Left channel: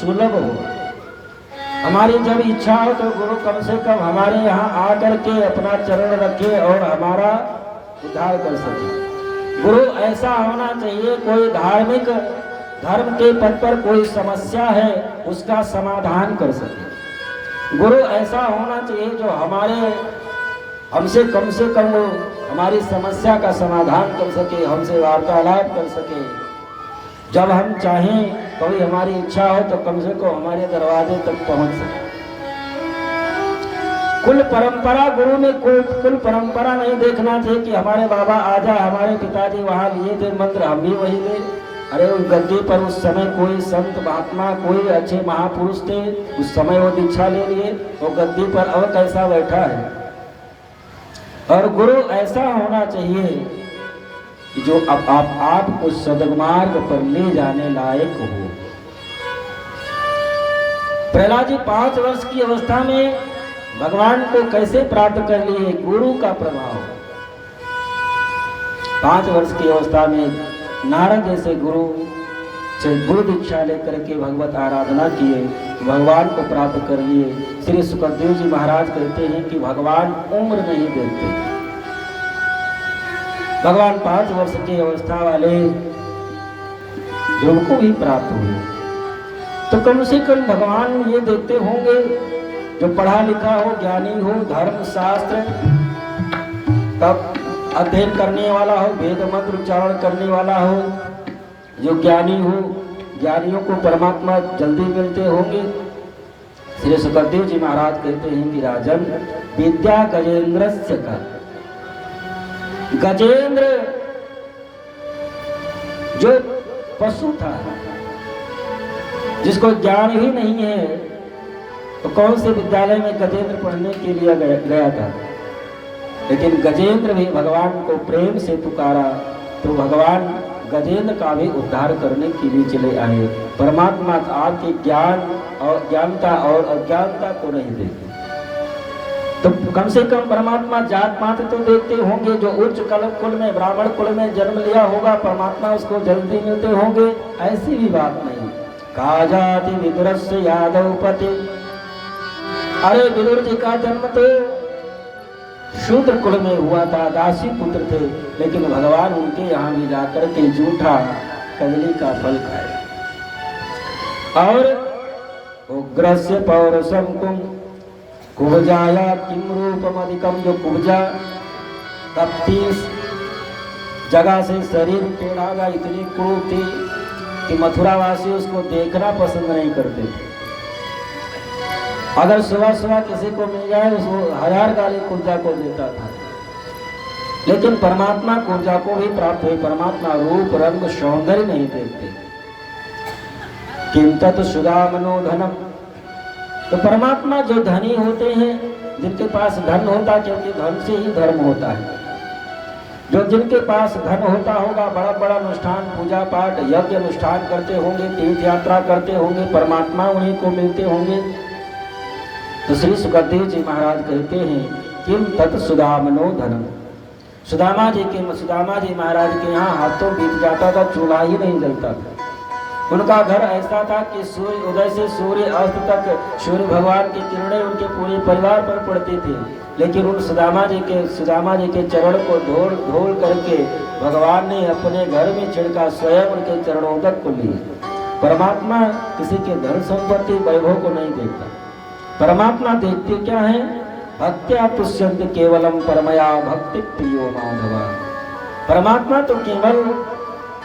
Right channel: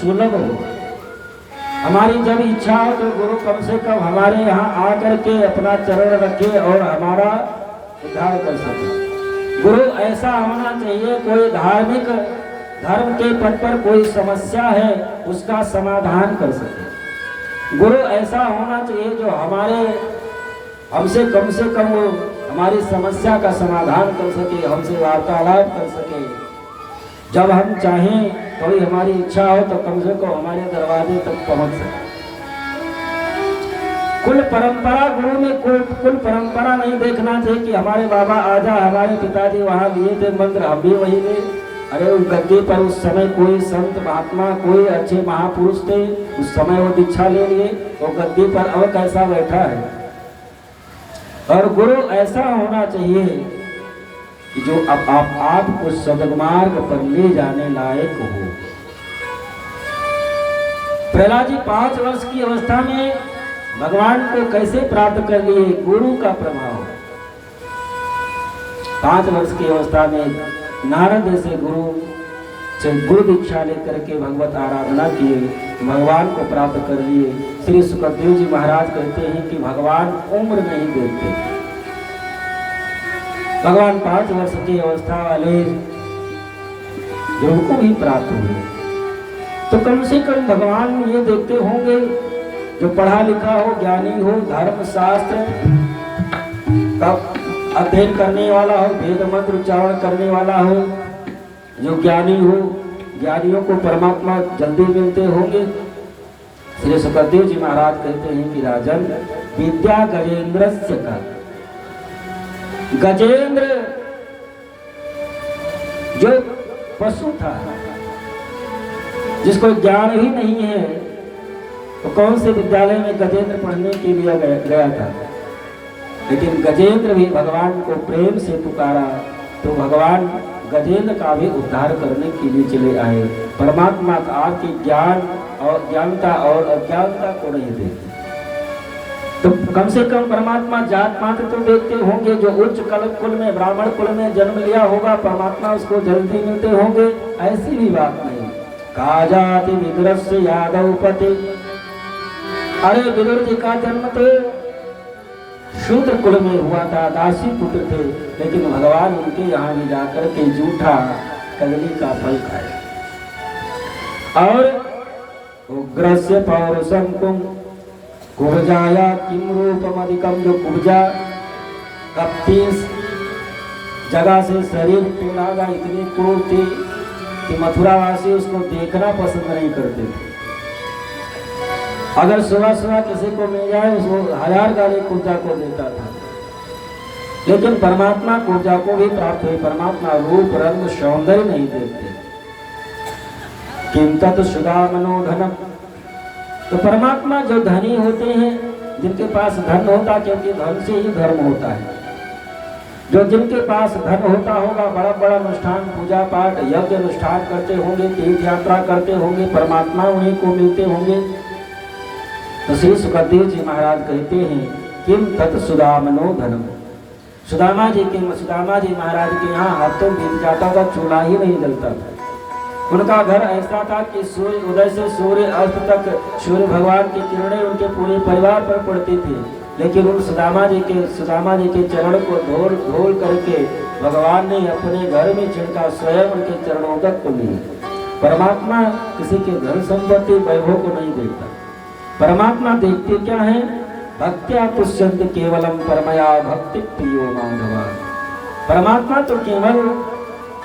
सुलभ हो। हमारी जब इच्छा हो तो गुरु कम से कम हमारे यहाँ आकर के अपना चरण रखे और हमारा उद्धार कर सके। गुरु ऐसा होना चाहिए, कोई धार्मिक धर्म के पद पर कोई समस्या है उसका समाधान कर सके। गुरु ऐसा होना चाहिए जो हमसे कम से कम वो हमारी समस्या का समाधान कर सके, हमसे वार्तालाप कर सके। जब हम चाहें कोई हमारी इच्छा हो तो कम से कम हमारे दरवाजे तक पहुंच सके। कुल परंपरा, गुरु में कुल परंपरा नहीं देखना चाहिए कि हमारे बाबा आजा, हमारे पिताजी वहां लिए थे मंत्र, हम भी वही ले। अरे उस गद्दी पर उस समय कोई संत महात्मा, कोई अच्छे महापुरुष थे, उस समय वो दीक्षा ले लिए, वो गद्दी पर अब कैसा बैठा है। और गुरु ऐसा होना चाहिए कि जो आपको सद्मार्ग पर ले जाने लायक हो। प्रहलाद जी 5 वर्ष की अवस्था में भगवान को कैसे प्राप्त कर लिए? गुरु का प्रभाव। 5 वर्ष की अवस्था में नारद जैसे गुरु से गुरु दीक्षा लेकर के भगवत आराधना किए, भगवान को प्राप्त कर लिए। श्री सुखदेव जी महाराज कहते हैं कि भगवान उम्र नहीं देते। भगवान 5 वर्ष की अवस्था वाले जिनको भी प्राप्त हुए, तो कम से कम भगवान ये देखते होंगे जो पढ़ा लिखा हो, ज्ञानी हो, धर्म शास्त्र अध्ययन करने वाला हो, वेद मंत्र उच्चारण करने वाला हो, जो ज्ञानी हो, ज्ञानियों को परमात्मा जल्दी मिलते होंगे। श्री सुखदेव जी महाराज कहते हैं कि राजन विद्या गजेंद्रस्य का, गजेंद्र जो पशु था, जिसको ज्ञान ही नहीं है, तो कौन से विद्यालय में गजेंद्र पढ़ने के लिए गया था। लेकिन गजेंद्र भी भगवान को प्रेम से पुकारा तो भगवान गजेंद्र का भी उद्धार करने के लिए चले आए। परमात्मा आपके ज्ञान और ज्ञानता और अज्ञानता को नहीं देखते, तो कम से कम परमात्मा जात पात तो देखते होंगे। जो उच्च कुल में, ब्राह्मण कुल में जन्म लिया होगा, परमात्मा उसको जल्दी मिलते होंगे, ऐसी भी बात नहीं। कहा जाति विदुरस्य यादव पति, अरे विदुर जी का जन्म तो शूद्र कुल में हुआ था, दासी पुत्र थे, लेकिन भगवान उनके यहाँ भी जाकर के जूठा कदली का फल खाए। और उग्रस्य पौरुषम कुम कुब्जाया किम रूपम अधिकम, जो कुब्जा 30 जगह से शरीर टूटा, इतनी क्रूर थी कि मथुरावासी उसको देखना पसंद नहीं करते थे। अगर सुबह सुबह किसी को मिल जाए उसको 1000 गाली कुब्जा को देता था। लेकिन परमात्मा कुब्जा को भी प्राप्त हुई। परमात्मा रूप रंग सौंदर्य नहीं देखते। किम तत् सुधा मनोधनम, तो परमात्मा जो धनी होते हैं, जिनके पास धन होता, क्योंकि धन से ही धर्म होता है, जो जिनके पास धन होता होगा, बड़ा बड़ा अनुष्ठान, पूजा पाठ, यज्ञ अनुष्ठान करते होंगे, तीर्थ यात्रा करते होंगे, परमात्मा उन्हीं को मिलते होंगे। तो श्री सुखदेव जी महाराज कहते हैं किम तत् सुदामनो धनम, सुदामा जी महाराज के यहाँ हाथों बीत जाता था, चूल्हा ही नहीं जलता था। उनका घर ऐसा था कि सूर्य उदय से सूर्य अस्त तक सूर्य भगवान की किरणें उनके पूरे परिवार पर पड़ती थी। लेकिन उन सुदामा जी के चरण को धोल करके भगवान ने अपने घर में छिड़का, स्वयं उनके चरणों तक को लिए। परमात्मा किसी के धन संपत्ति वैभव को नहीं देखता। परमात्मा देखते क्या है? भक्त्या तुष्यन्ति केवलम परमया भक्ति प्रियो माधवा। परमात्मा तो केवल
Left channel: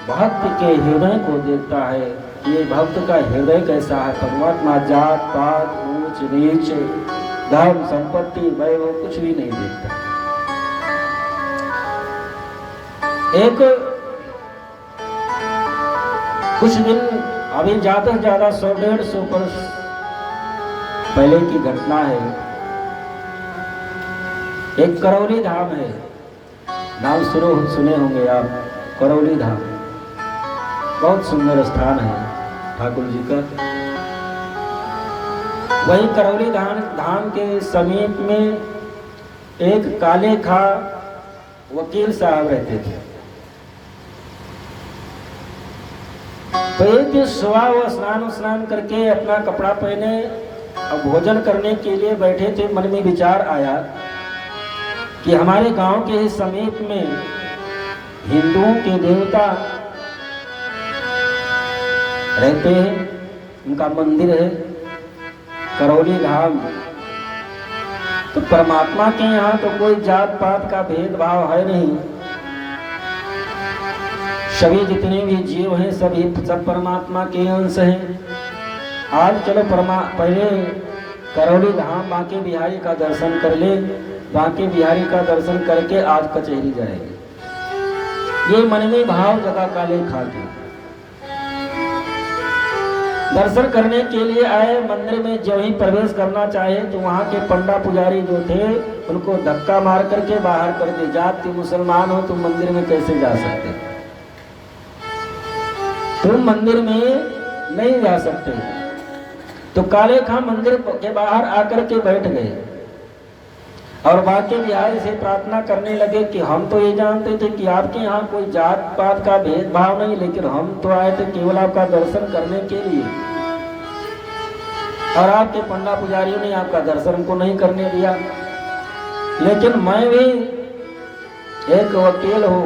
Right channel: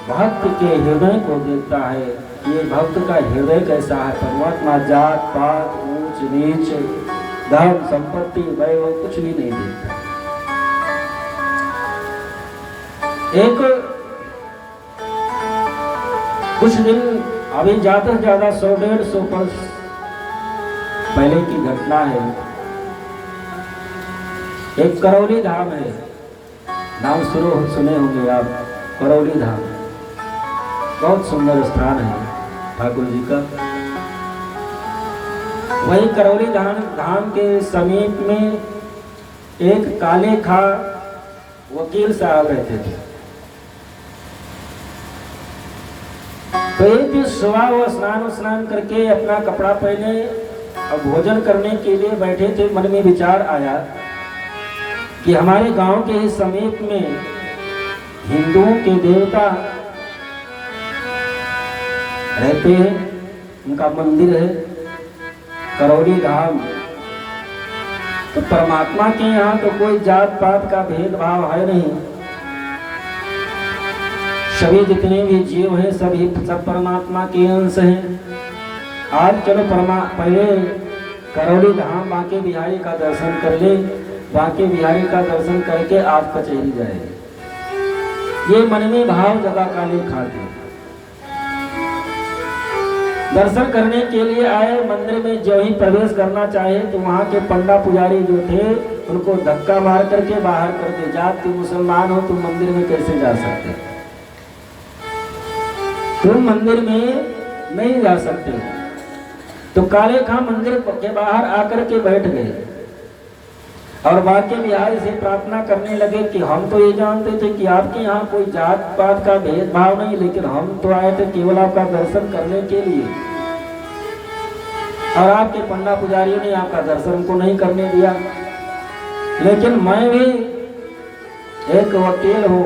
भक्त के हृदय को देखता है, ये भक्त का हृदय कैसा है। परमात्मा जात पात, ऊंच नीच, धन संपत्ति वैभव कुछ भी नहीं देखता। एक कुछ दिन अभी ज्यादा से ज्यादा 100-150 वर्ष पहले की घटना है। एक करौली धाम है, नाम सुने होंगे आप, करौली धाम बहुत सुंदर स्थान है ठाकुर जी का। वही करौली धाम के समीप में एक काले खा वकील साहब रहते थे। तो एक दिन सुबह वो स्नान करके अपना कपड़ा पहने और भोजन करने के लिए बैठे थे। मन में विचार आया कि हमारे गांव के ही समीप में हिंदुओं के देवता रहते हैं, उनका मंदिर है करौली धाम। तो परमात्मा के यहाँ तो कोई जात पात का भेदभाव है नहीं, सभी जितने भी जीव हैं सभी सब परमात्मा के अंश हैं। आज चलो पहले करौली धाम बांके बिहारी का दर्शन कर ले, बांके बिहारी का दर्शन करके आज कचहरी जाएंगे। ये मन में भाव जगह काले खाते दर्शन करने के लिए आए। मंदिर में जो ही प्रवेश करना चाहे तो वहाँ के पंडा पुजारी जो थे उनको धक्का मार करके बाहर कर दे, जात तुम मुसलमान हो तुम मंदिर में कैसे जा सकते, तुम मंदिर में नहीं जा सकते। तो काले खां मंदिर के बाहर आकर के बैठ गए और बांके बिहारी से प्रार्थना करने लगे कि हम तो ये जानते थे कि आपके यहाँ कोई जात पात का भेदभाव नहीं, लेकिन हम तो आए थे केवल आपका दर्शन करने के लिए और आपके पंडा पुजारी ने आपका दर्शन को नहीं करने दिया। लेकिन मैं भी एक वकील हूँ,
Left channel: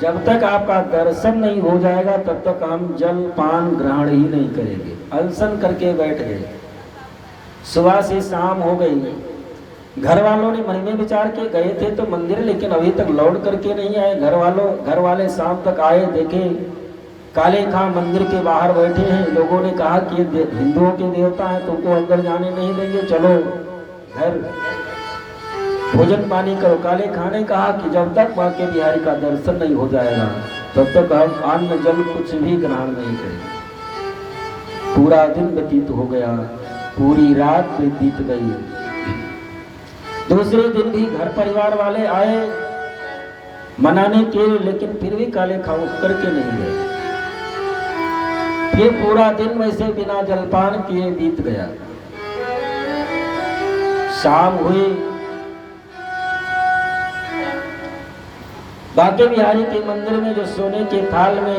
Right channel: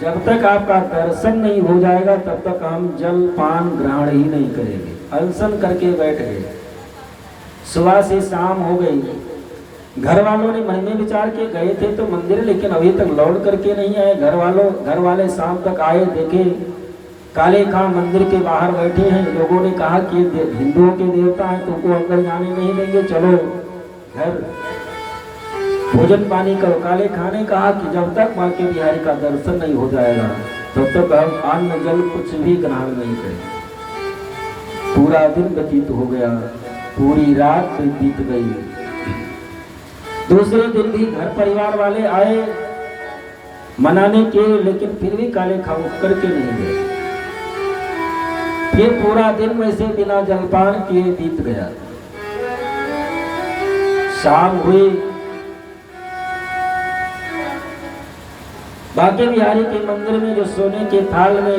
जब तक आपका दर्शन नहीं हो जाएगा तब तक हम जल पान ग्रहण ही नहीं करेंगे। अनशन करके बैठ गए। सुबह से शाम हो गई। घर वालों ने मन में विचार के गए थे तो मंदिर, लेकिन अभी तक लौट करके नहीं आए। घर वाले शाम तक आए, देखे काले खां मंदिर के बाहर बैठे हैं। लोगों ने कहा कि हिंदुओं के देवता हैं, तुमको अंदर जाने नहीं देंगे, चलो घर भोजन पानी करो। काले खां ने कहा कि जब तक बांके बिहारी का दर्शन नहीं हो जाएगा तब तक हम अन्न जल कुछ भी ग्रहण नहीं करेंगे। पूरा दिन व्यतीत हो गया, पूरी रात बीत गई। दूसरे दिन भी घर परिवार वाले आए मनाने के, लेकिन फिर भी काले खां उठ करके नहीं गए। फिर पूरा दिन वैसे बिना जलपान किए बीत गया। शाम हुई। बांके बिहारी के मंदिर में जो सोने के थाल में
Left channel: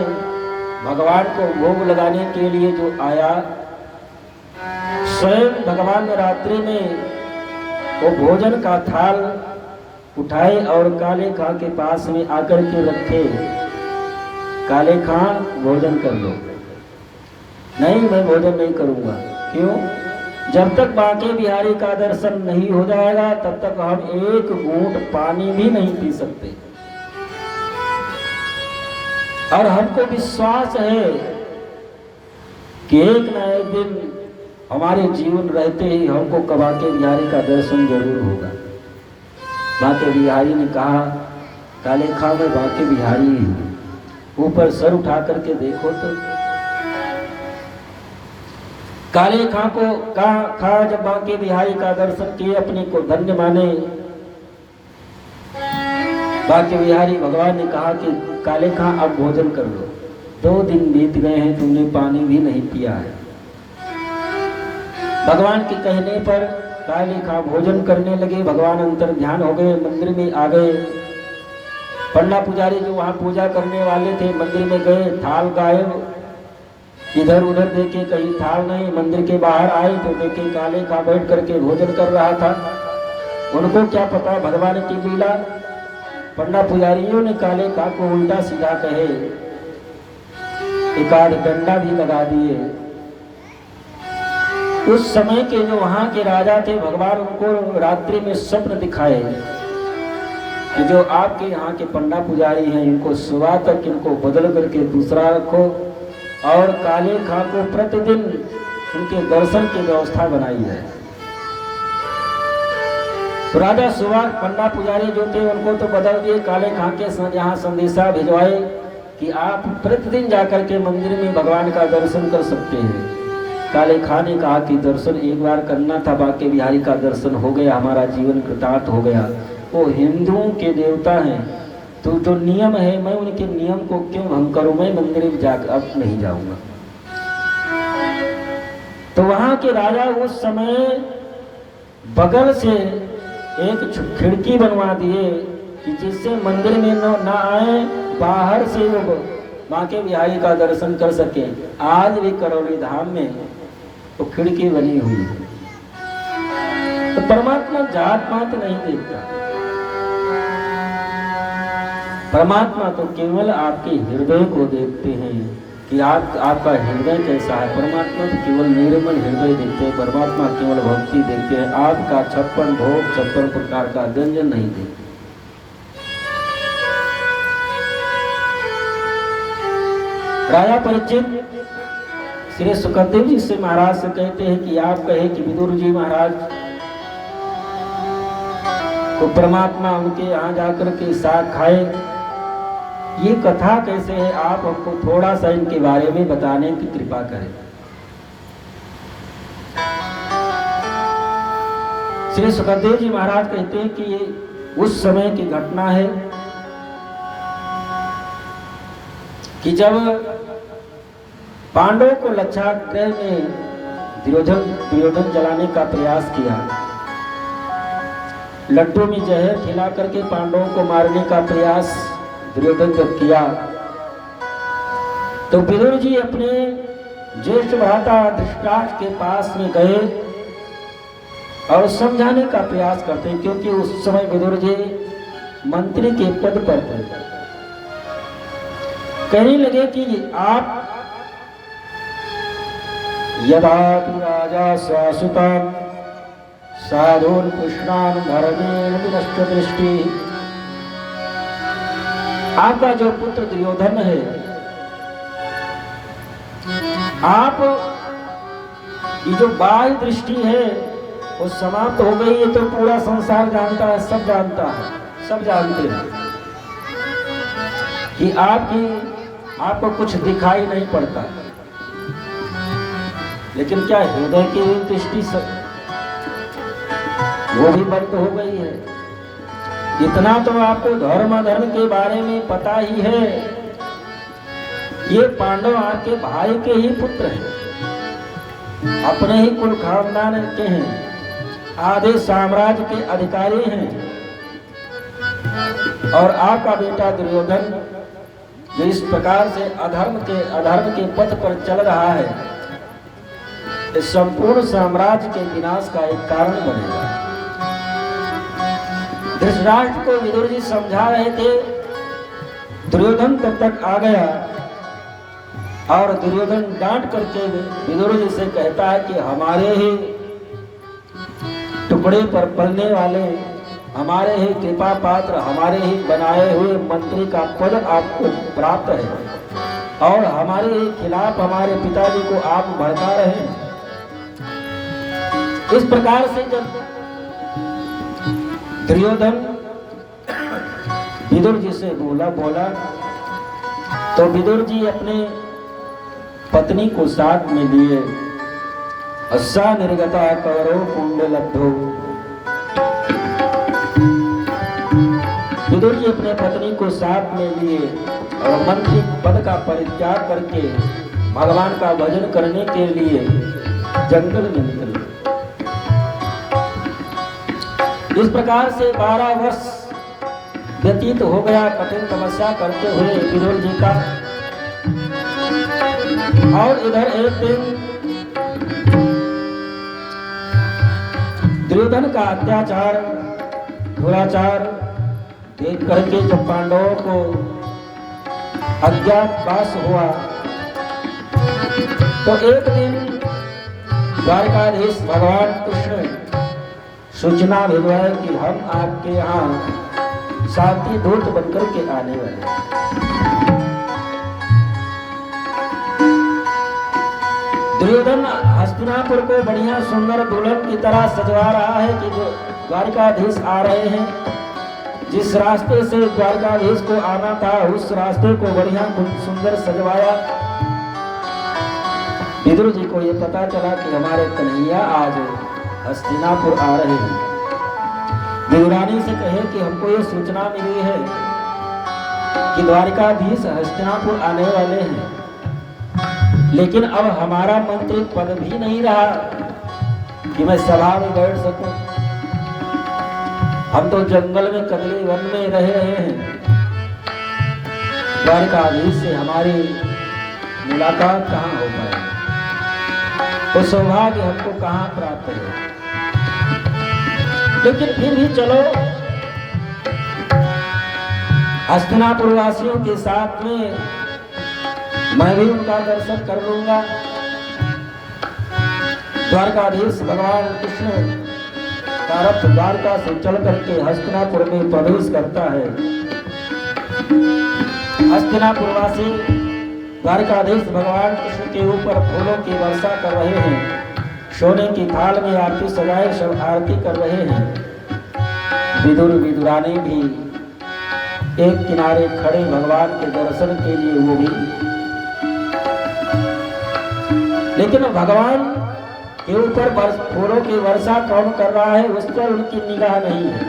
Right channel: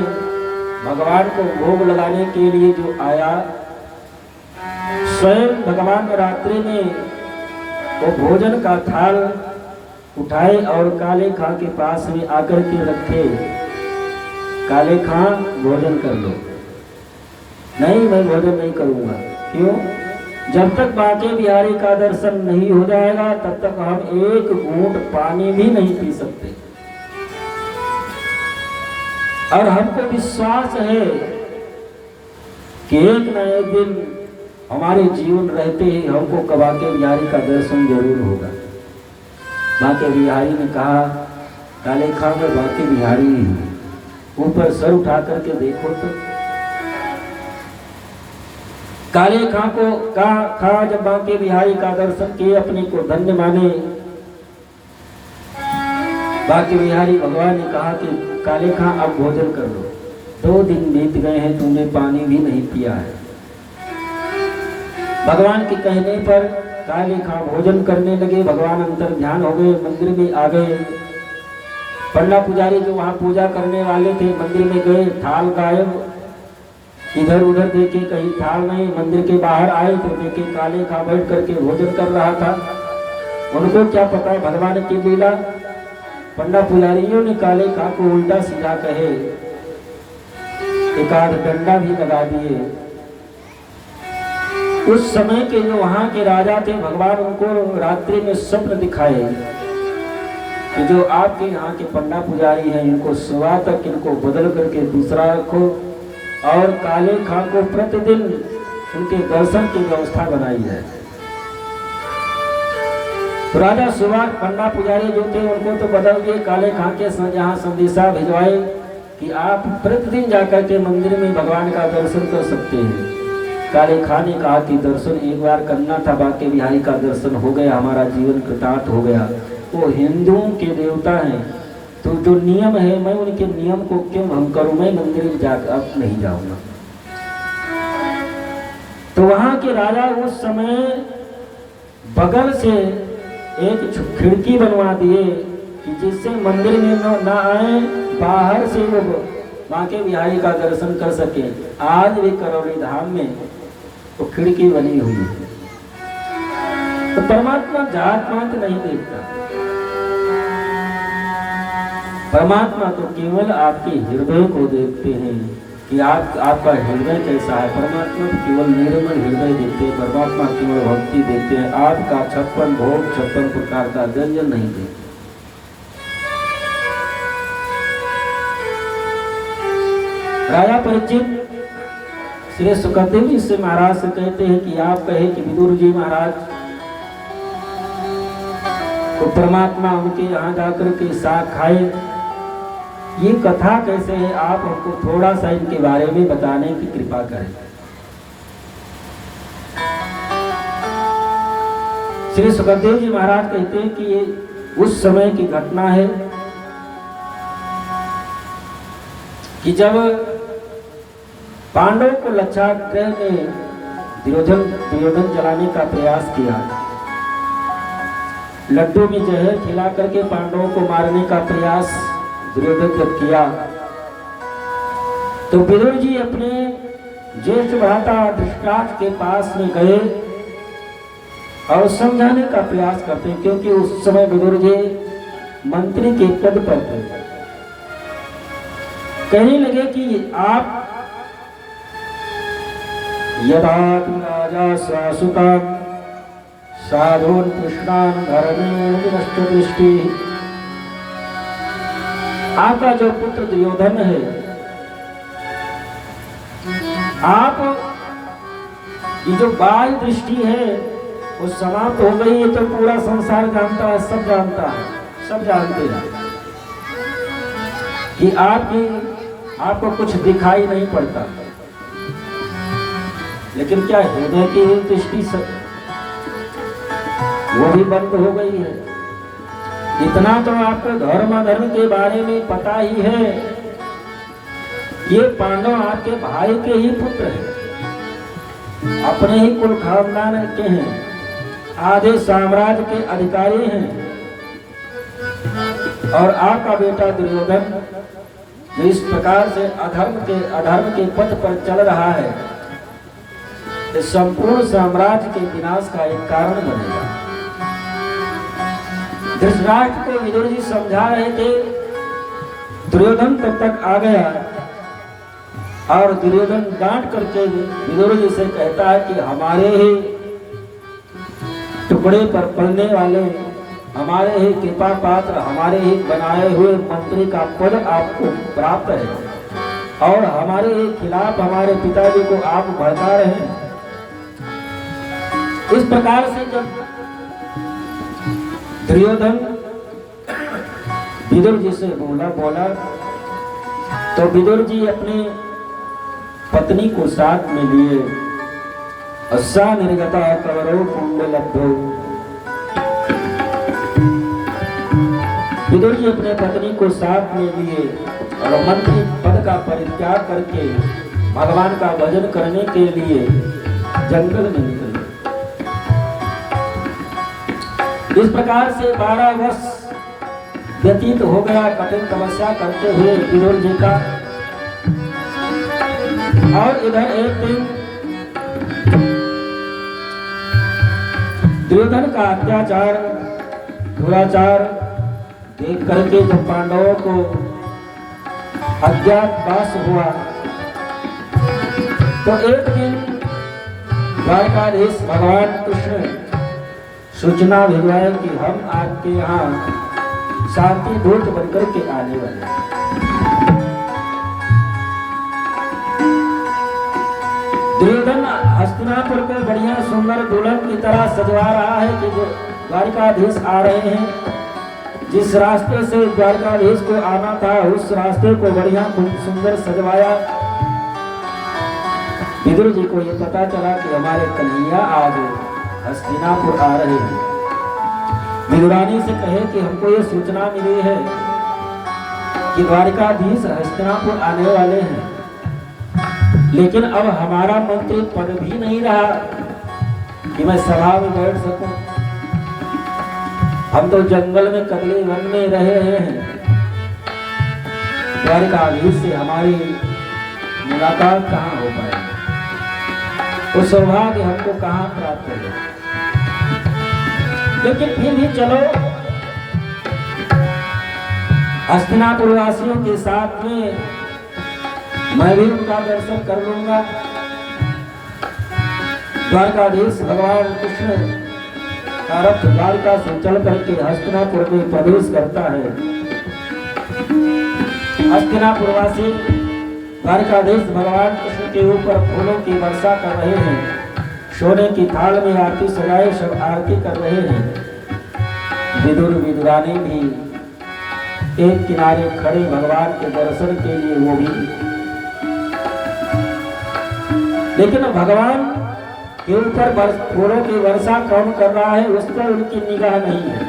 भगवान को भोग लगाने के लिए जो आया, स्वयं भगवान रात्रि में वो भोजन का थाल उठाए और काले खां के पास में आकर के रखे। काले खां भोजन कर लो। नहीं, मैं भोजन नहीं करूंगा। क्यों? जब तक बांके बिहारी का दर्शन नहीं हो जाएगा तब तक हम एक घूंट पानी भी नहीं पी सकते। और हमको विश्वास है कि एक न एक दिन हमारे जीवन रहते ही हमको बांके बिहारी का दर्शन जरूर होगा। बांके बिहारी ने कहा, काले खां में बांके बिहारी ही, ऊपर सर उठा करके देखो तो। काले खां को कहा जब बांके बिहारी का दर्शन किए, अपने को धन्य माने। बांके बिहारी भगवान ने कहा कि काले खां अब भोजन कर लो। 2 दिन बीत गए हैं, तुमने पानी भी नहीं पिया है। भगवान के कहने पर काले खां भोजन करने लगे। भगवान अंतर ध्यान हो गए, मंदिर में आ गए। पंडा पुजारी जो वहां पूजा करने वाले थे मंदिर में गए, थाल गायब। इधर उधर देखे, कहीं थाल नहीं। मंदिर के बाहर आए तो देखे काले खां बैठ करके भोजन कर रहा था। उनको क्या पता भगवान की लीला। पंडा पुजारियों ने काले खां को उल्टा सीधा कहे, एक आध डंडा भी लगा दिए। उस समय के जो वहां के राजा थे, भगवान उनको रात्रि में स्वप्न दिखाए कि जो आपके यहाँ के पंडा पुजारी हैं इनको सुबह तक इनको बदल करके दूसरा रखो और काले खां को प्रतिदिन उनके दर्शन की व्यवस्था बनाई है। तो राजा सुबह पंडा पुजारी जो थे उनको तो बदल दिए, काले खां के यहाँ संदेशा भिजवाए कि आप प्रतिदिन जाकर के मंदिर में भगवान का दर्शन कर सकते हैं। काले खां ने कहा कि दर्शन एक बार करना था, बांके बिहारी का दर्शन हो गया, हमारा जीवन कृतार्थ हो गया। वो हिंदुओं के देवता हैं, तो जो नियम है मैं उनके नियम को क्यों भंग करूं, मैं मंदिर में जाकर अब नहीं जाऊंगा। तो वहां के राजा उस समय बगल से एक खिड़की बनवा दिए कि जिससे मंदिर में न आए, बाहर से वो बांके बिहारी का दर्शन कर सके। आज भी करौली धाम में तो खिड़की बनी हुई है। तो परमात्मा जात पात नहीं देखता, परमात्मा तो केवल आपके हृदय को देखते हैं कि आपका हृदय कैसा है। परमात्मा तो केवल निर्मल हृदय देखते हैं, परमात्मा केवल भक्ति देखते हैं। आपका 56 भोग 56 प्रकार का व्यंजन नहीं देखते। राजा परीक्षित श्री सुखदेव जी से महाराज से कहते हैं कि आप कहे कि विदुर जी महाराज को परमात्मा उनके यहाँ जाकर के साग खाए, ये कथा कैसे है? आप हमको थोड़ा सा इनके बारे में बताने की कृपा करें। श्री सुखदेव जी महाराज कहते हैं कि ये उस समय की घटना है कि जब पांडवों को लक्षाग्रह ने दुर्योधन जलाने का प्रयास किया, लड्डू में जहर खिला करके पांडवों को मारने का प्रयास दुर्योधन जब किया, तो विदुर जी अपने ज्येष्ठ भ्राता धृतराष्ट्र के पास में गए और समझाने का प्रयास करते, क्योंकि उस समय विदुर जी मंत्री के पद पर थे। कहने लगे कि आप यदातु राजा स्वासुताम साधून पुष्णान धर्मेण विनष्ट दृष्टि, आपका जो पुत्र दुर्योधन है, आप ये जो बाह्य दृष्टि है वो समाप्त हो गई है, तो पूरा संसार जानता है, सब जानता है, सब जानते हैं कि आपको कुछ दिखाई नहीं पड़ता, लेकिन क्या हृदय की दृष्टि वो भी बंद हो गई है। इतना तो आपको धर्म अधर्म के बारे में पता ही है। ये पांडव आपके भाई के ही पुत्र हैं, अपने ही कुल खानदान के हैं, आधे साम्राज्य के अधिकारी हैं, और आपका बेटा दुर्योधन जो इस प्रकार से अधर्म के पथ पर चल रहा है, इस संपूर्ण साम्राज्य के विनाश का एक कारण बनेगा। धृतराष्ट्र को विदुर जी समझा रहे थे, दुर्योधन तब तक आ गया और दुर्योधन डांट करके विदुर जी से कहता है कि हमारे ही टुकड़े पर पलने वाले, हमारे ही कृपा पात्र, हमारे ही बनाए हुए मंत्री का पद आपको प्राप्त है और हमारे ही खिलाफ हमारे पिताजी को आप भड़का रहे हैं। इस प्रकार से जब दुर्योधन विदुर जी से बोला तो विदुर जी अपने पत्नी को साथ में लिए, अस्सा निर्गता कवरो कुंडलब्धो, विदुर जी अपने पत्नी को साथ में लिए और मंत्री पद का परित्याग करके भगवान का भजन करने के लिए जंगल में निकले। इस प्रकार से 12 वर्ष व्यतीत हो गया कठिन तपस्या करते हुए विदुर जी का। और इधर एक दिन दुर्योधन का अत्याचार दुराचार देख करके जब पांडवों को अज्ञातवास हुआ, तो एक दिन द्वारकाधीश भगवान कृष्ण सूचना भिजवाए कि हम आपके यहाँ शांति दूत बनकर के आने वाले। दुर्योधन हस्तिनापुर को बढ़िया सुंदर दुल्हन की तरह सजवा रहा है कि जो द्वारकाधीश आ रहे हैं। जिस रास्ते से द्वारकाधीश को आना था उस रास्ते को बढ़िया खूब सुंदर सजवाया। विदुर जी को ये पता चला कि हमारे कन्हैया आज हस्तिनापुर आ रहे हैं। विदुरानी से कहे कि हमको ये सूचना मिली है कि द्वारकाधीश हस्तिनापुर आने वाले हैं, लेकिन अब हमारा मंत्री पद भी नहीं रहा कि मैं सभा में बैठ सकूं। हम तो जंगल में कदले वन में रह रहे हैं। द्वारकाधीश से हमारी मुलाकात कहाँ हो पाए, तो सौभाग्य हमको कहाँ प्राप्त है। लेकिन फिर भी चलो हस्तिनापुर वासियों के साथ में मैं भी उनका दर्शन कर लूंगा। द्वारकाधीश भगवान कृष्ण का रथ द्वारका से चल करके हस्तिनापुर में प्रवेश करता है। हस्तिनापुरवासी द्वारकाधीश भगवान कृष्ण के ऊपर फूलों की वर्षा कर रहे हैं, सोने की थाल में आरती सजाए सब आरती कर रहे हैं। विदुर विदुरानी भी एक किनारे खड़े भगवान के दर्शन के लिए वो भी। लेकिन भगवान के ऊपर फूलों की वर्षा कौन कर रहा है उस पर उनकी निगाह नहीं है,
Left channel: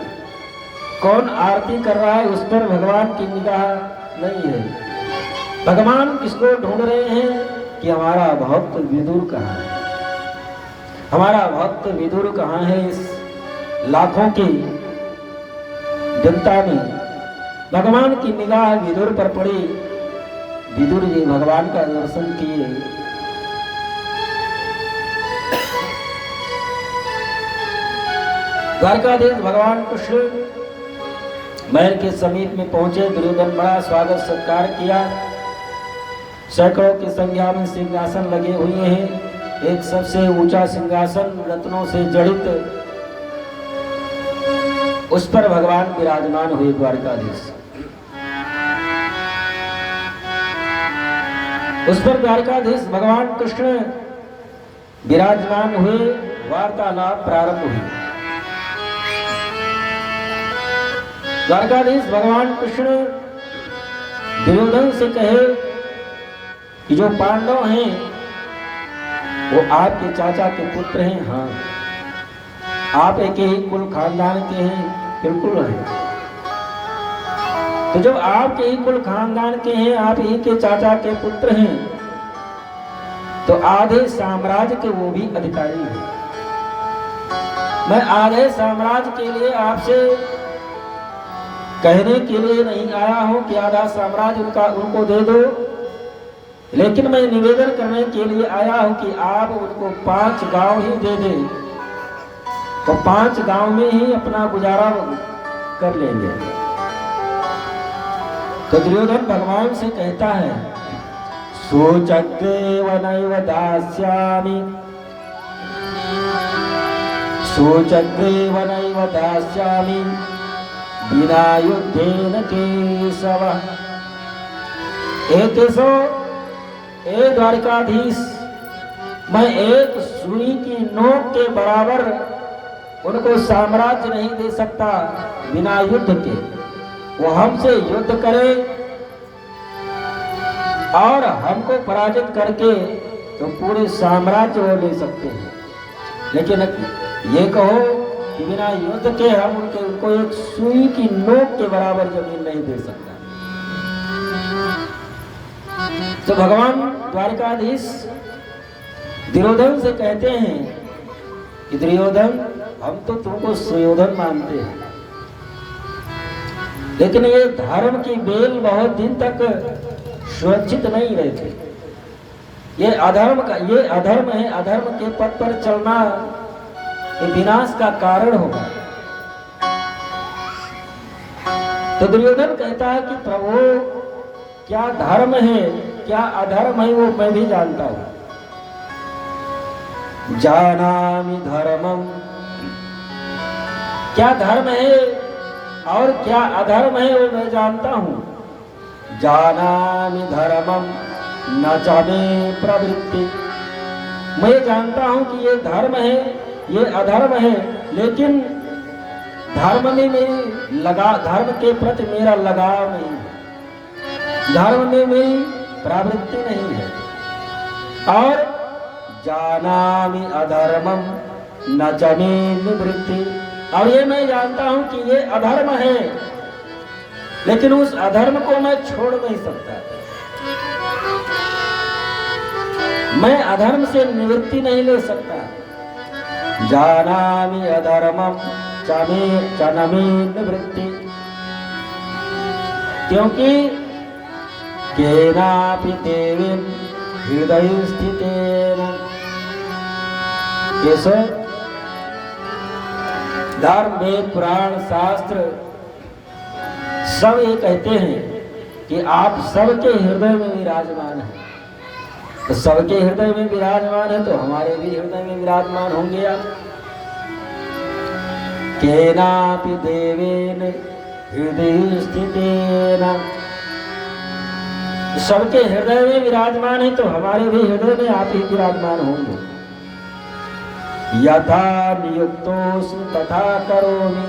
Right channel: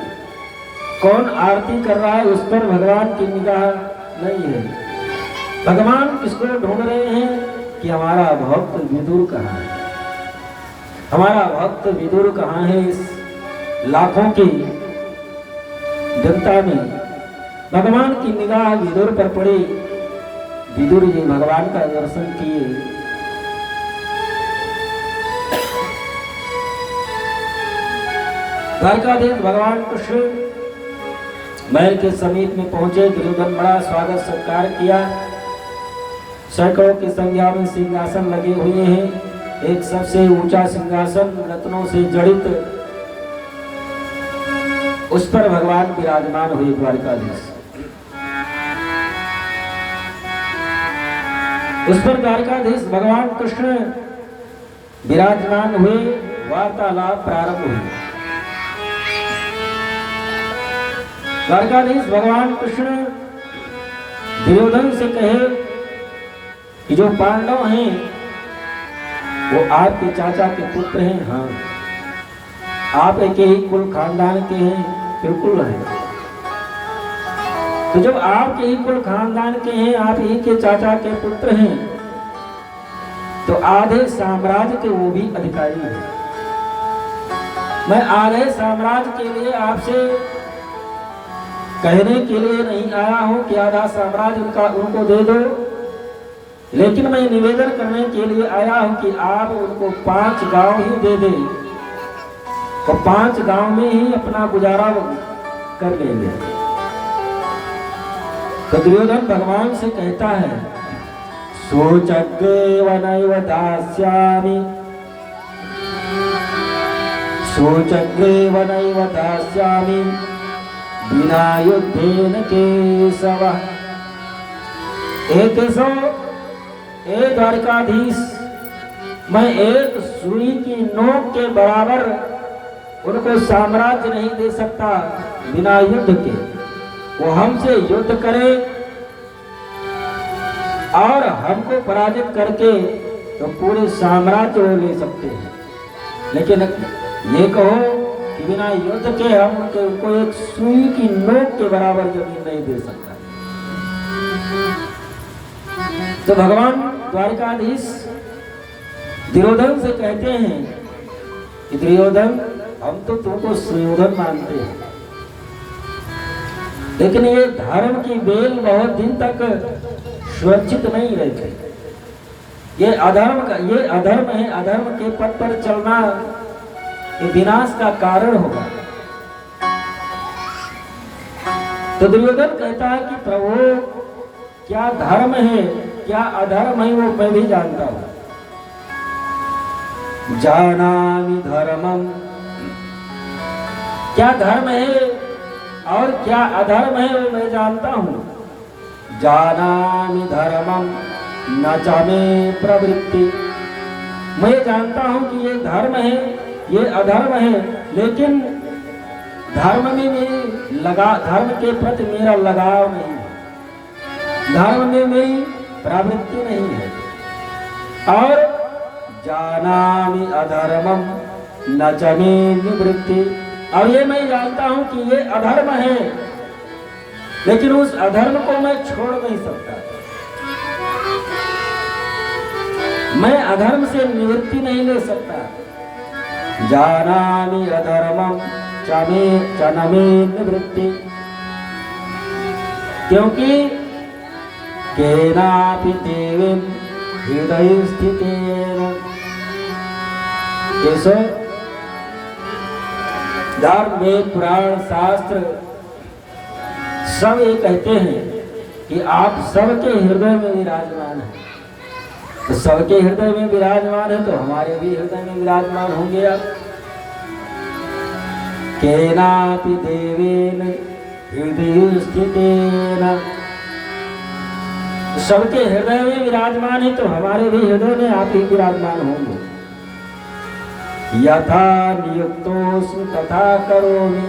कौन आरती कर रहा है उस पर भगवान की निगाह नहीं है। भगवान किसको ढूंढ रहे हैं कि हमारा भक्त विदुर कहाँ है, हमारा भक्त विदुर कहाँ है। इस लाखों की जनता में भगवान की निगाह विदुर पर पड़ी। विदुर जी भगवान का दर्शन किए। द्वारकाधीश भगवान कृष्ण महल के समीप में पहुंचे। दुर्योधन बड़ा स्वागत सत्कार किया। सैकड़ों की संख्या में सिंहासन लगे हुए हैं। एक सबसे ऊंचा सिंहासन रत्नों से जड़ित, उस पर भगवान विराजमान हुए। द्वारकाधीश उस पर द्वारकाधीश भगवान कृष्ण विराजमान हुए। वार्तालाप प्रारंभ हुई। द्वारकाधीश भगवान कृष्ण दुर्योधन से कहे कि जो पांडव हैं वो आपके चाचा के पुत्र हैं। हाँ, आप एक ही कुल खानदान के हैं। बिल्कुल है। तो जब आपके ही कुल खानदान के हैं, आप ही के चाचा के पुत्र हैं, तो आधे साम्राज्य के वो भी अधिकारी हैं। मैं आधे साम्राज्य के लिए आपसे कहने के लिए नहीं आया हूं कि आधा साम्राज्य उनको दे दो, लेकिन मैं निवेदन करने के लिए आया हूं कि आप उनको 5 गांव ही दे दें, तो 5 गांव में ही अपना गुजारा कर लेंगे। तो दुर्योधन भगवान से कहता है, सोचग्रेव नैव दास्यामि, सोचग्रेव नैव दास्यामि बिना युद्धेन केशव। ए केशव, ए द्वारकाधीश, मैं एक सुई की नोक के बराबर उनको साम्राज्य नहीं दे सकता बिना युद्ध के। वो हमसे युद्ध करें और हमको पराजित करके तो पूरे साम्राज्य वो ले सकते हैं, लेकिन ये कहो कि बिना युद्ध के हम उनको एक सुई की नोक के बराबर जमीन नहीं दे सकता। तो भगवान द्वारकाधीश दुर्योधन से कहते हैं कि दुर्योधन, हम तो तुमको सुयोधन मानते हैं, लेकिन ये धर्म की बेल बहुत दिन तक सुरक्षित नहीं रहती। ये अधर्म है। अधर्म के पथ पर चलना ये विनाश का कारण होगा। तो दुर्योधन कहता है कि प्रभु, क्या धर्म है क्या अधर्म है वो मैं भी जानता हूं। जानामि धर्मम, क्या धर्म है और क्या अधर्म है वो मैं जानता हूं। जानामि धर्मम न च मे प्रवृत्ति, मैं जानता हूं कि ये धर्म है ये अधर्म है, लेकिन धर्म में धर्म के प्रति मेरा लगाव नहीं है, धर्म में मेरी प्रवृत्ति नहीं है। और जानामि अधर्मम न च मे निवृत्ति, और ये मैं जानता हूं कि ये अधर्म है, लेकिन उस अधर्म को मैं छोड़ नहीं सकता। मैं अधर्म से निवृत्ति नहीं ले सकता। जानामि अधर्मम च न मे निवृत्ति, क्योंकि केनापि देवेन हृदय स्थितेन। कैसे धर्म वेद पुराण शास्त्र सब ये कहते हैं कि आप सबके हृदय में विराजमान हैं। तो सबके हृदय में विराजमान है तो हमारे भी हृदय में विराजमान होंगे आप। केनापि देवेन हृदय स्थितेन, सबके हृदय में विराजमान है तो हमारे भी हृदय में आप ही विराजमान होंगे। यथा नियुक्तोऽस्मि तथा करोमि,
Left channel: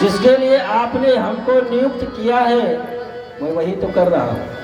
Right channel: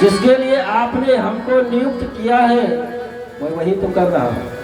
जिसके लिए आपने हमको नियुक्त किया है मैं वही तो कर रहा हूं।